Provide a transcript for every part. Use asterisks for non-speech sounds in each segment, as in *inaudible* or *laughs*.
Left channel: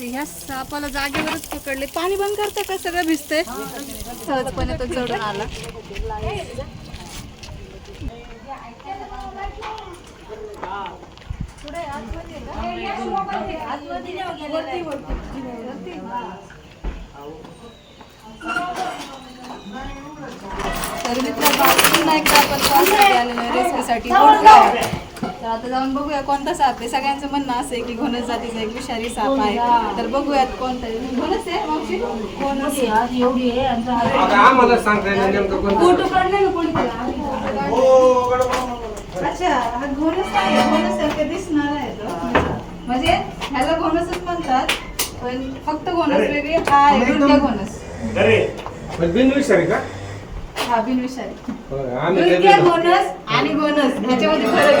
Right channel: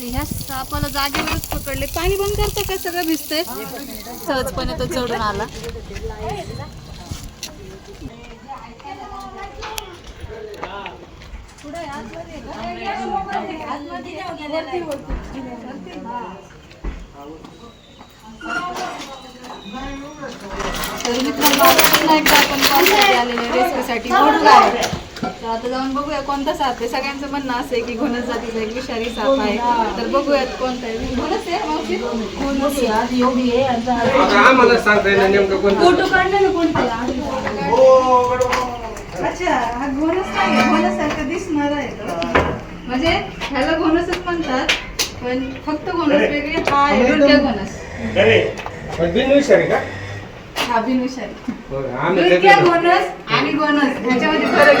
तर ह्या सापाला जागेवरच पकडले. पाणी बंद करतो का सगळं भिजतंय? सहजपणे तो चढून आला. तर मित्रांनो आता पुन्हा एकदा आपण पावसाळ्यात तर आता जाऊन बघूया कोणता साप आहे. सगळ्यांचं म्हणणं असं आहे की घोणस जातीचा एक विषारी साप आहे. तर बघूयात कोणता आहे. घोणस आहे मावशी? घोणस आहे. नेमकं कोणतं अच्छा हा घोणस आहे. घोणसारखं दिसणार आहे. म्हणजे ह्याला घोणसच म्हणतात पण फक्त घोणस वेगळी. हा आहे घोणस बिनविषारी का? हा बिनविषारी. आणि ह्याच्यामध्ये फरक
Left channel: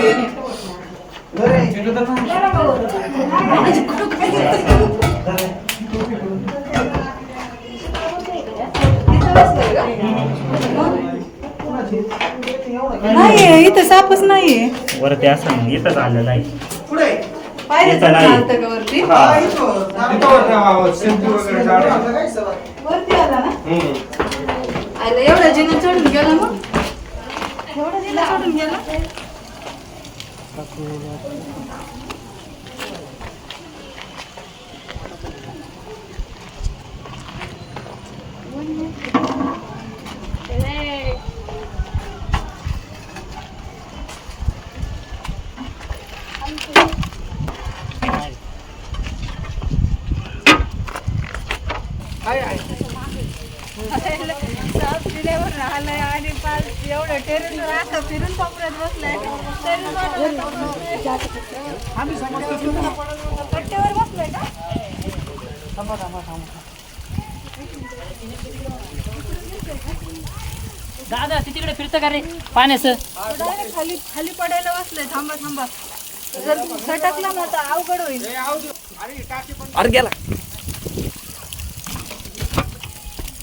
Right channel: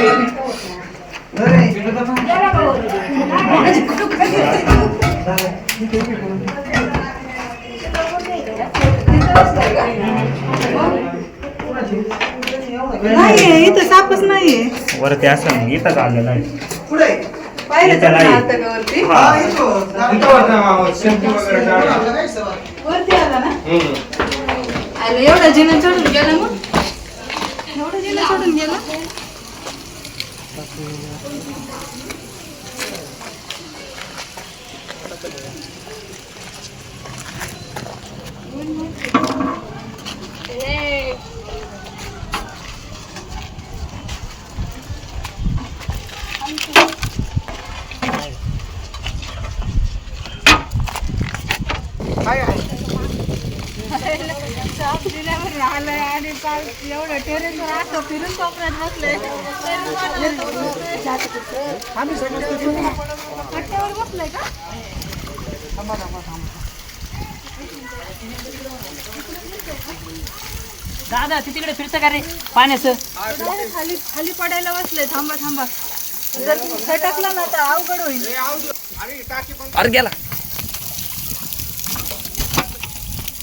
नाहीये इथं सापच नाहीये वरती असं ना इथंच पाहिलं इथं नाही. चालतं का वरती हा आला ना. अरे एवढा जिना चढून गेला मग? एवढा जिना चढून गेला साप जिल्ह्यावर राहिलंय आणि पाय एवढं असं फिरून कोपऱ्यात बसलंय तरी वाटलं तो पट्ट्यावर बसलंय का दादा ती तिकडे फिरतं का रे? पाण्याचं? खाली खाली पडायला बसले थांबा थांबा जर सटकला ना तर अवघड होईल अरे गेला तर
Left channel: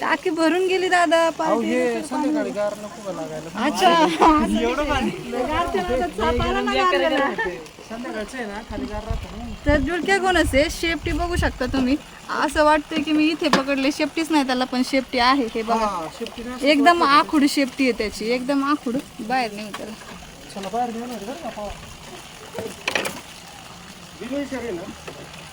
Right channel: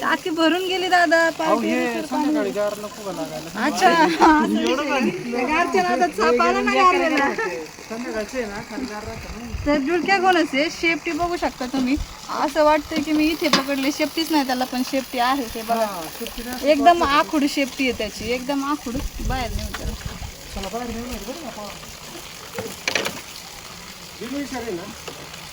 टाकी भरून गेली दादा अच्छा. गारलेला. तर कोणच आहे शेपटी बघू शकता तुम्ही. असं वाटतंय की मी इथे पकडले. शेपटीच नाही त्याला पण शेपटी आहे हे बघा. एकदम आखूड शेपटी आहे त्याची. एकदम आखूड. बाहेर नाही त्याला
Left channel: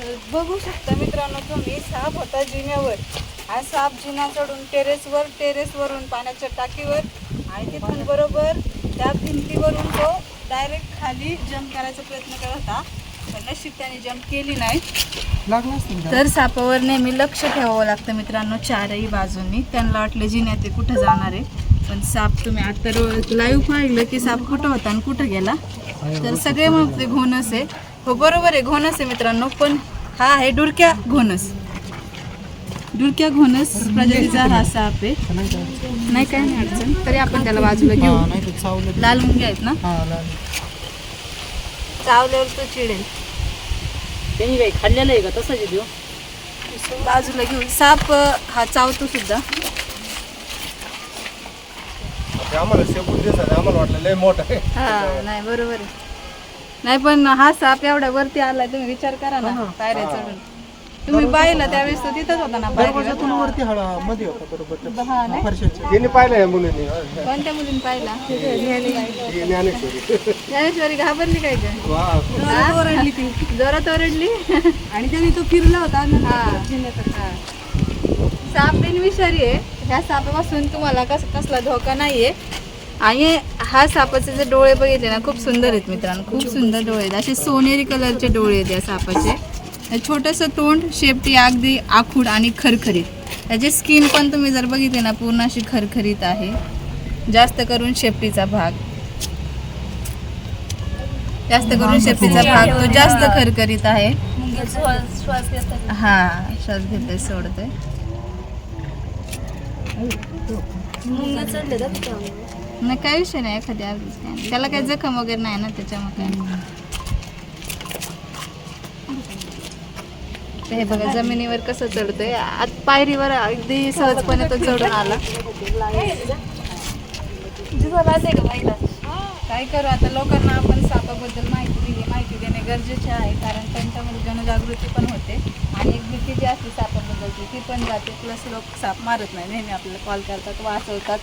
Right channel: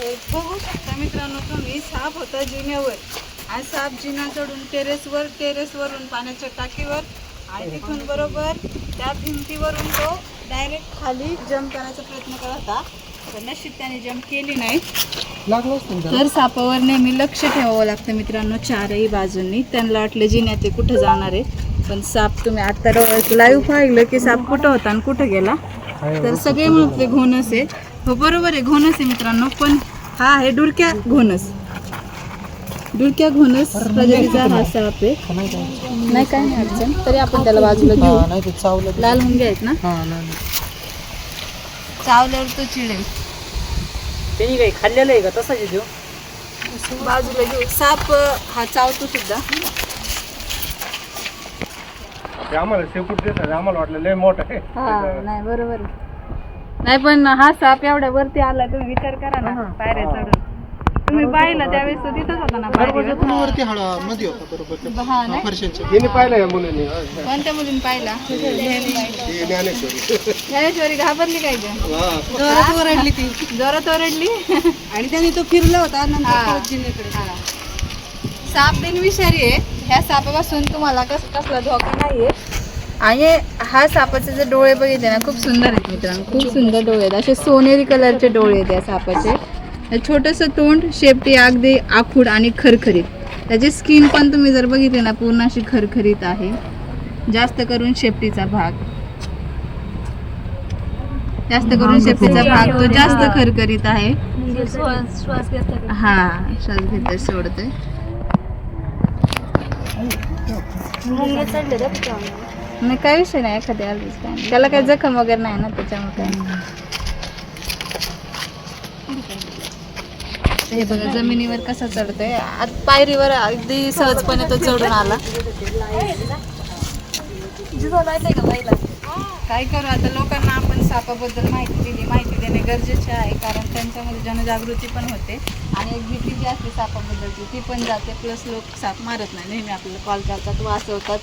तर बघू शकता मित्रांनो तुम्ही साप होता जिन्यावर. हा साप जिना चढून टेरेसवर टेरेसवरून पाण्याच्या टाकीवर आणि तिथून बरोबर त्या भिंतीवरून तो डायरेक्ट खाली जम्प करायचा प्रयत्न करत होता. पण नशीब त्याने जम्प केली नाही. तर सापावर नेहमी लक्ष ठेवावं लागतं मित्रांनो चारही बाजूंनी. त्यांना वाटलं जिन्यात ते कुठं जाणार आहे? पण साप तुम्ही आता लाईव्ह पाहिलं की साप कुठं होता आणि कुठं गेला? तर सगळे म्हणते घोणस आहे. हो बरोबर आहे घोणस आहे मित्रांनो पण हा आहे डुरक्या घोणस. डुरक्या घोणस प्रजातीचा हा साप आहे. नाही काय नाही अडचण तरी आपण त्याला बाजूला घेऊ. लाल मुंगे आहेत ना? चावल्यावर तो चिडेल त्यांनी काही खाल्लेलं आहे का? तसाच तो? बाजूला घेऊ. साप हा चावतो सुद्धा. ते आम्हाला शेपूट दिसायला आम्हाला वाटलं लय मोठा आहे. हा नाही बरोबर आहे. नाही पण हा साप एवढ्या वरती आलाय तुम्ही विचार करा ना पायऱ्या चढून. तुम्ही पाहिला त्यावेळेस तो तिथंच होता ना पायरीवर. वरती हळा मध्ये होता बरोबर. हा नाही फरशाच्या. तिने पाहिलं या मुलीने? कोणत्या मुलीने पाहिला? ज्ञानेश्वरी. ज्ञानेश्वरी. घाबरली काय का वा. जोरात ओरडली ती. जोरात ओरडली? आणि त्याने तो फिरला होता नंतर साप बिन विषारी आहे. ह्या सापापासून तुम्हाला कस कसला धोका नाहीये. आणि हा सापाचे जे डोळे बघितले ना खूप सुंदर आहेत मित्रांनो. खूप सुंदर डोळे आहेत. असे सोनेरी कलरचे डोळे आहेत या सापाचे. छोटंसं तोंड शेपटी अगदी आखूड आणि खरखरीत. त्याची स्किन पण तुम्ही जर बघितली ना पूर्ण अशी खरखरीत आहे. जास्त करून शेपटीचा भाग. जास्त करून शेपटीचा भाग. तो जास्त खरखरीत आहे. हा श्वास घेतोय सोडतोय. नाही काही विषय नाही एखाद्या आलीच काय. नाही त्याला काही जखम वगैरे नाही ना त्याच्यामुळे काय. हे बघा जमिनीवर कसं चढतोय. आत पायरीवर अगदी सहजपणे तो चढून आला. काय करू आता लोकांना आपण सापाबद्दल माहिती दिली. माहिती देणे गरजेचे आहे कारण त्यांच्यामध्ये जनजागृती पण होते. आणि एक भीती जी असते सापाबद्दलची ती पण जाते. प्लस लोक साप मारत नाही नेहमी आपल्याला कॉल करतात वाचवतात.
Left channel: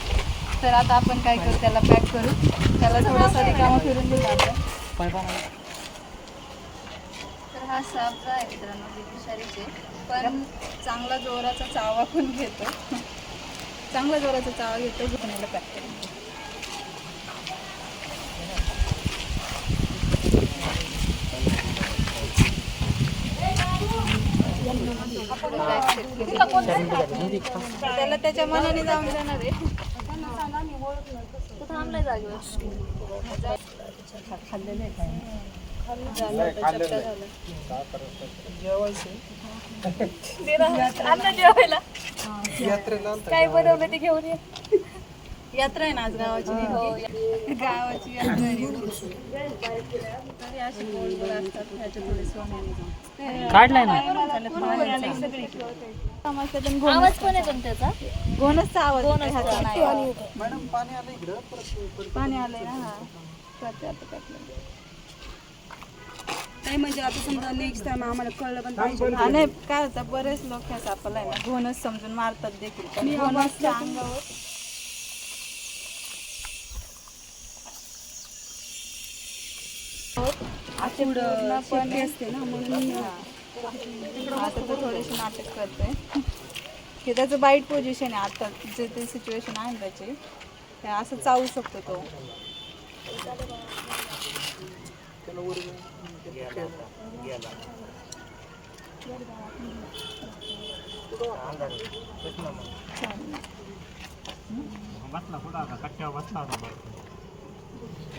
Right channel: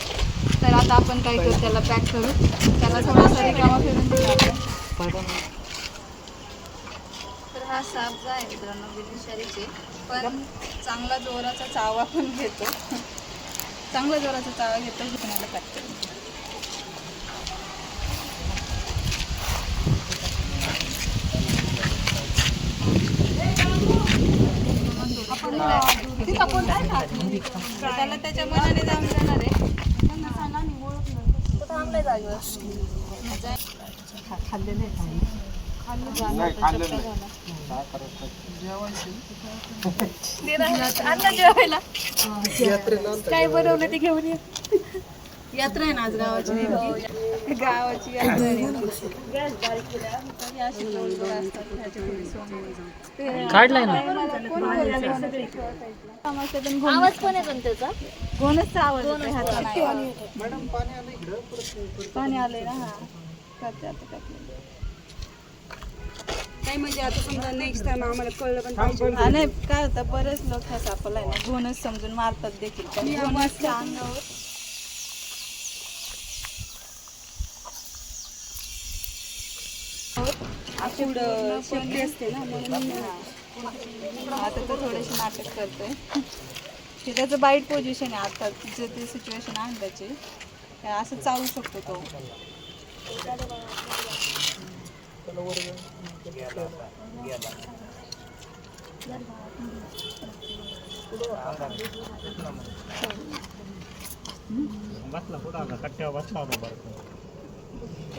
तर आता आपण काय करू त्याला पॅक करू. त्याला थोडासा रिकामा फिरून दिला आपण. तर हा साप जो आहे मित्रांनो विषारीचे पण चांगला जोराचा चावा पण घेतो. *laughs* चांगला जोराचा चावा घेतो घेण्याला करतो आपण तिथं कोण नाही ना. त्याला त्याच्या मनाने जाऊन देणार आहे खाल्ले नाही काय बनवलं ते घेऊन ये. यात्रा आहे ना आज गावाची नेमकी? गावाची यात्रा. आहे. काढलाय ना? आवाज पण त्याचा? आवाज येतो ह्याचा नाही. पाणी आलंय ना हा. करते आता टाकलं काय म्हणजे आता समजा नेक्स्ट टाइम आम्हाला कळलं पण पाहिजे. हा नाही काय होतं बरेच लोक ह्या सापाला आहे ना घोणच समजून मारतात देखील. पण घोणसच्या अंगावर असे पूर्णपणे असते ना म्हणून आता तो थोडेसे नाटक करतोय हे त्याचं बाईट पोझिशन आहे आता जे ते सिच्युएशन आहे ना त्याची. असं चावू शकतो तो. बसला बसला?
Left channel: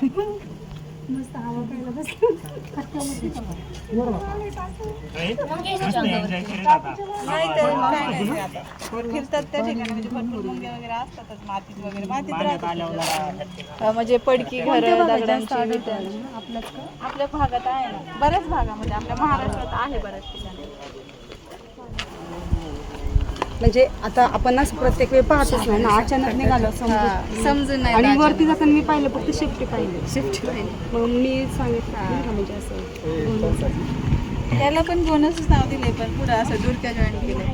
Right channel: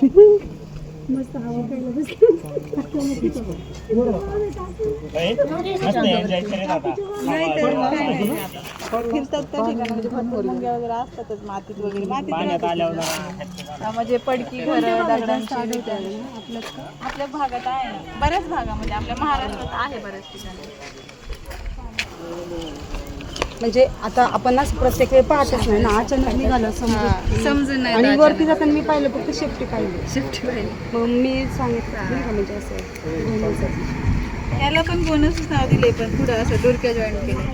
*laughs* मस्त म्हणजे म्हणजे पडकी घर दगडांची आपल्या भागात आहे ना. बऱ्याच भागामध्ये आपल्या महाराष्ट्रात आहे बऱ्याच ठिकाणी. म्हणजे आता आपण असं प्रत्येक वेळ पाहतच नाही ना अचानक निघालं हा, समजून. समजून नाही आणि वरती जाताना मी पाहिलं फक्त पाहिली. शिफ्ट होईल. मग मी सांगितलं म्हणजे असं त्याला पण बोनस नाव दिले पण पुढं असं डुरक्या जॉईन केलं